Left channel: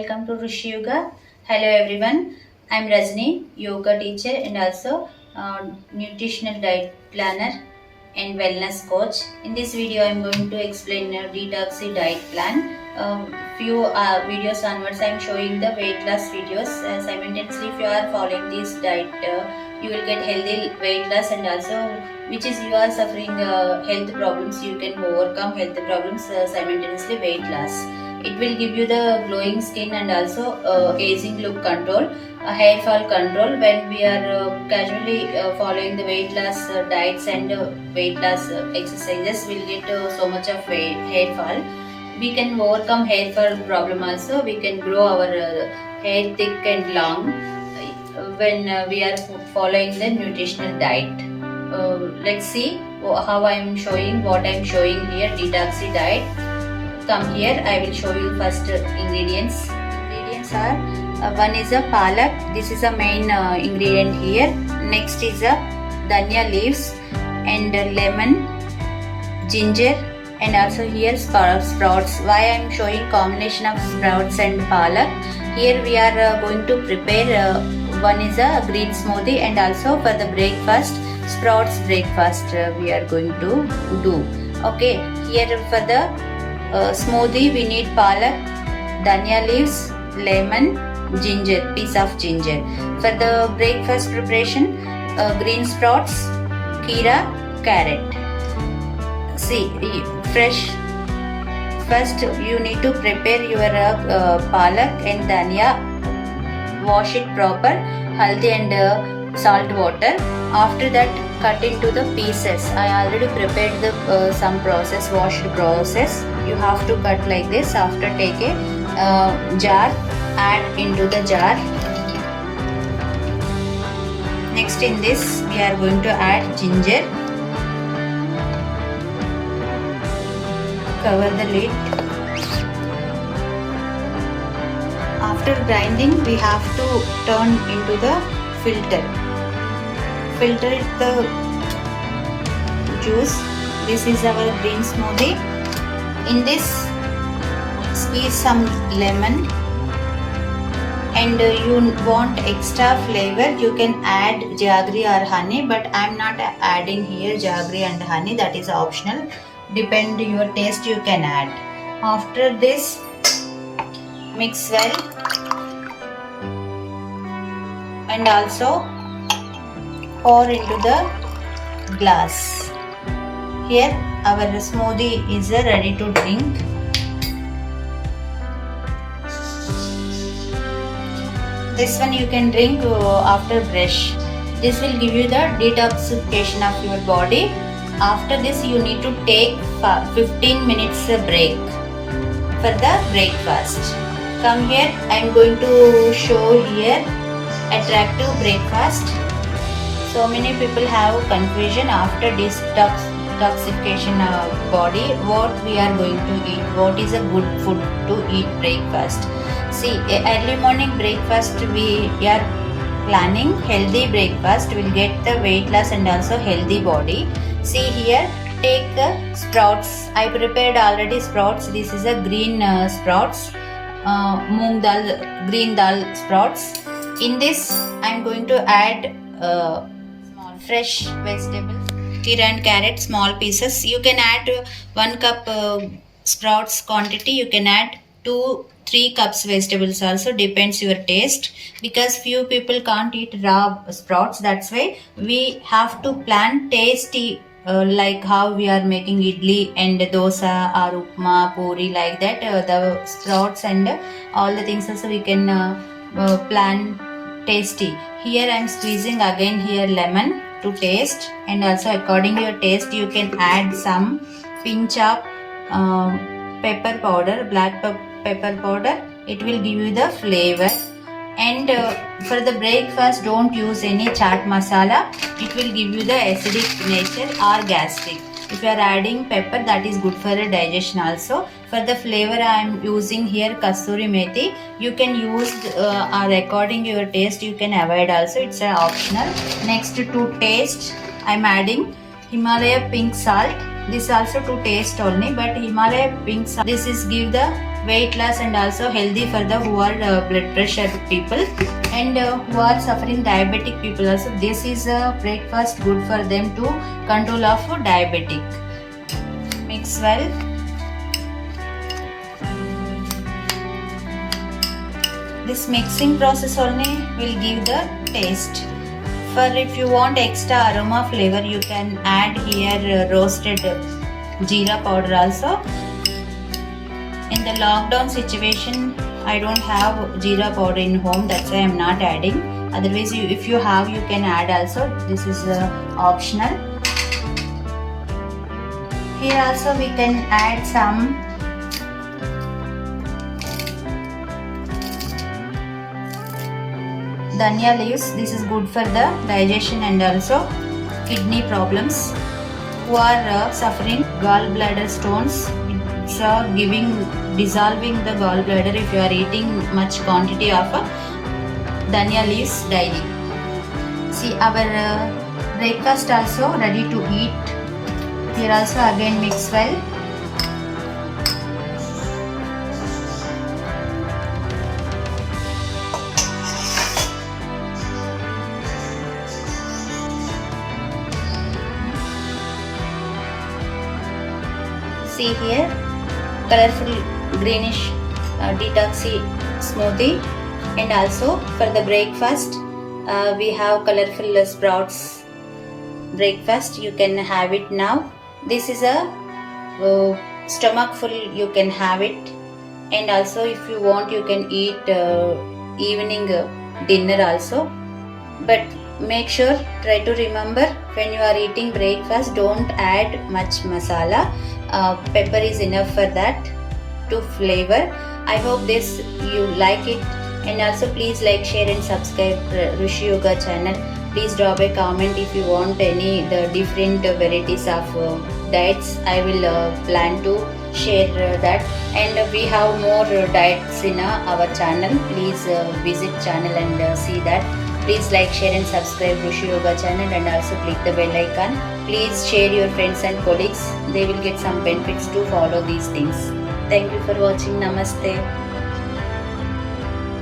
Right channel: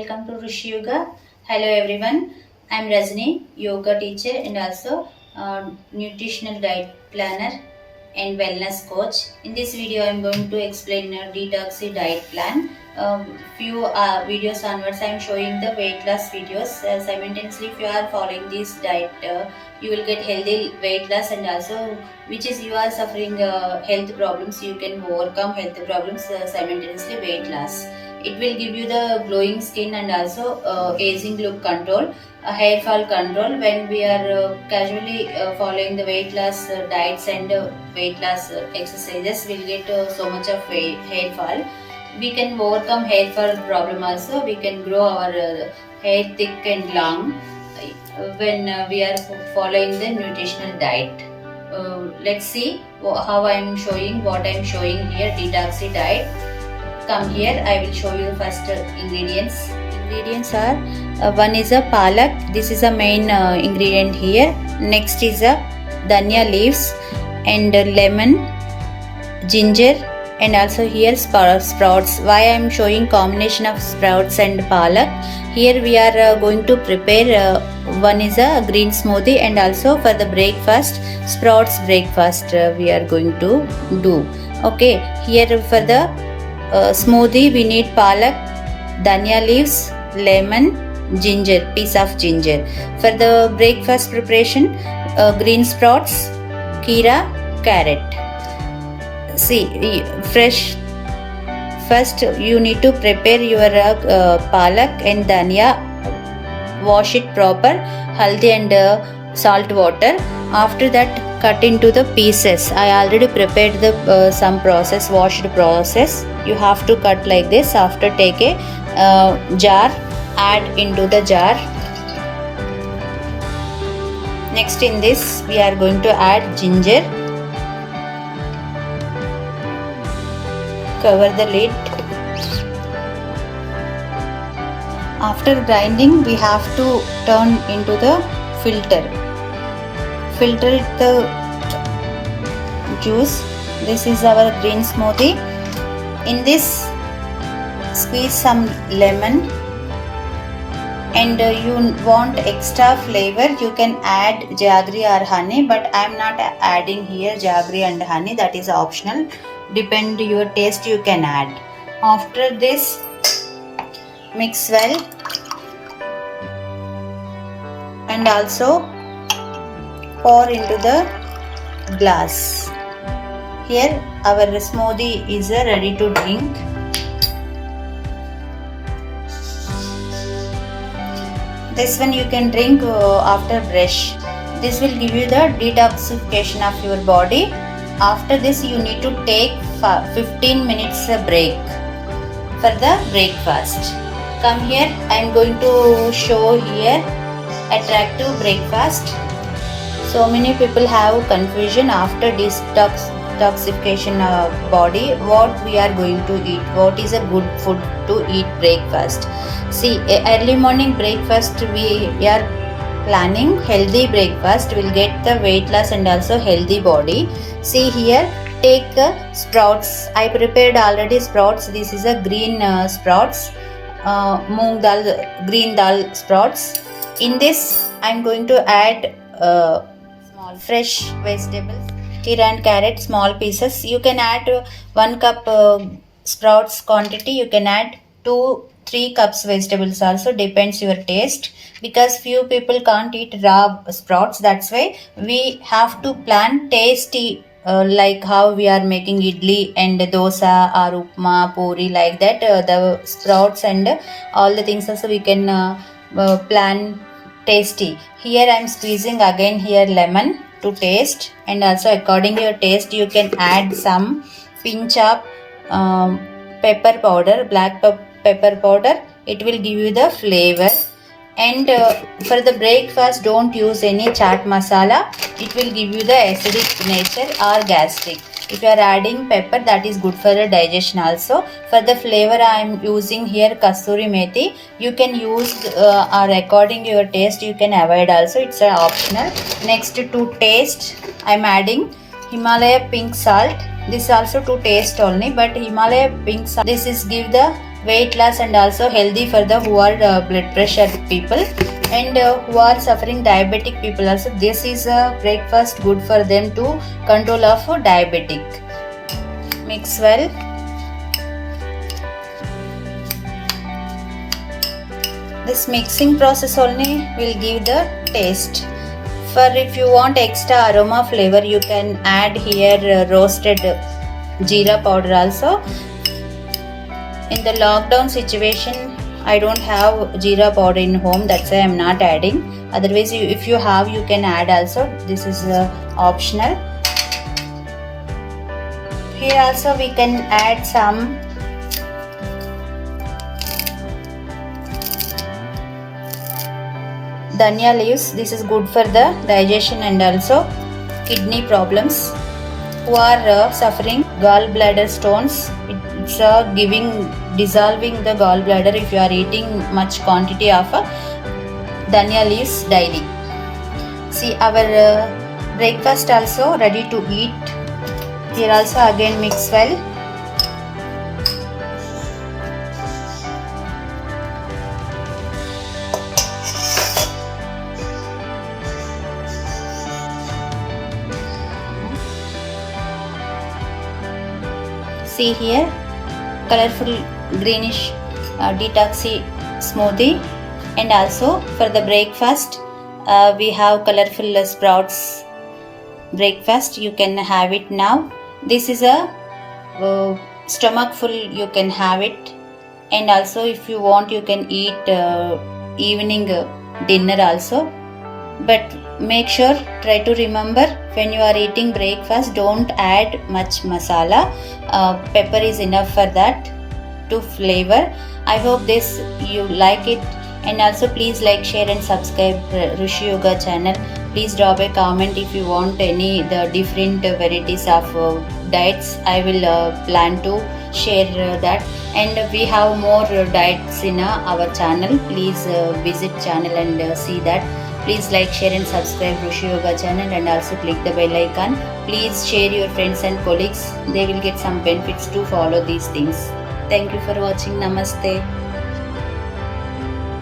welcome to Rishi Yoga. Hello everyone, I'm Rajni, yoga teacher and also nutritional diet planner and wellness coach. In this video, I'm going to explain a detoxy diet plan. Few videos onwards, I'm showing the weight loss videos. Simultaneously, if you are following this diet, you will get healthy weight loss and also which is you are suffering health problems, you can overcome health problems simultaneously weight loss. It will give you the glowing skin and also aging look control, hair fall control. When we are casually following the weight loss diets and weight loss exercises, we'll get so much of hair fall. We can overcome hair fall problem also. We can grow our hair thick and long when we are following the nutritional diet. Let's see how I am showing what I am showing here. Detoxy diet. Come here, I will show you the first ingredients. Ingredients are one is a palak. This is a main ingredient here. Next is a dhania leaves and lemon, ginger, and also here sprouts. Why I am showing combination of sprouts and palak? Here we are going to prepare. One is a green smoothie and also for the breakfast sprouts breakfast we are going to do. Okay, here for the smoothie we need palak, dhania leaves, lemon, ginger, piece of ginger. For the breakfast preparation, green sprouts, keera, carrot. See, fresh. First you need to prepare your palak and dhania. Wash it proper, haldi and salt water. After that, cut into the pieces. I already prepared the some process, washed process. You have to cut like this. After take a jar, add into the jar. Next in this we are going to add ginger. Cover the lid. After grinding, we have to turn into the filter. Filter the juice. This is our green smoothie. In this, squeeze some lemon. And you want extra flavor, you can add jaggery or honey, but I am not adding here jaggery and honey. That is optional. Depend your taste, you can add. After this, mix well. And also pour into the glass. Here our smoothie is ready to drink. This one you can drink after brush. This will give you the detoxification of your body. After this you need to take 15 minutes break for the breakfast. Come here, I am going to show here attractive breakfast. So many people have confusion after detoxification of body, what we are going to eat, what is a good food to eat breakfast. See, early morning breakfast we are planning healthy breakfast, will get the weight loss and also healthy body. See here, take sprouts. I prepared already sprouts. This is a green sprouts, moong dal, green dal sprouts. In this, I am going to add small fresh vegetables, keera and carrot, small pieces. You can add 1 cup sprouts quantity. You can add 2-3 cups vegetables also, depends your taste, because few people can't eat raw sprouts. That's why we have to plan tasty. Like how we are making idli and dosa or upma, puri, like that. The sprouts and all the things also we can plan tasty. Here I am squeezing again here lemon to taste, and also according to your taste you can add some pinch of pepper powder, black pepper powder. It will give you the flavor. And for the breakfast, don't use any chaat masala. It will give you the acidic nature or gastric. If you are adding pepper, that is good for the digestion also. For the flavor, I am using here kasturi methi. You can use or according to your taste, you can avoid also. It's optional. Next to taste, I am adding Himalaya pink salt. This also to taste only, but Himalaya pink salt, this is give the weight loss and also healthy for the who are blood pressure people and who are suffering diabetic people also. This is a breakfast good for them to control of diabetic. Mix well. This mixing process only will give the taste. For if you want extra aroma flavor, you can add here roasted jeera powder also. In the lockdown situation, I don't have jeera powder in home, that's why I am not adding. Otherwise, if you have, you can add also. This is optional. Here also we can add some dhania leaves. This is good for the digestion and also kidney problems. Who are suffering gallbladder stones, it's dissolving the gallbladder if you are eating much quantity of dhania leaves daily. See, our breakfast also ready to eat. Here also again mix well. See here, colorful greenish detoxy smoothie, and also for the breakfast we have colorful sprouts breakfast. You can have it now. This is a stomach full, you can have it, and also if you want you can eat evening dinner also. But make sure, try to remember, when you are eating breakfast, don't add much masala. Pepper is enough for that to flavor. I hope this you like it, and also please like, share and subscribe Rishi Yoga channel. Please drop a comment if you want any the different varieties of diets. I will plan to share that, and we have more diets in our channel. Please visit channel and see that. Please like, share and subscribe Rishi Yoga channel, and also click the bell icon. Please share your friends and colleagues. They will get some benefits to follow these things. Thank you for watching. Namaste.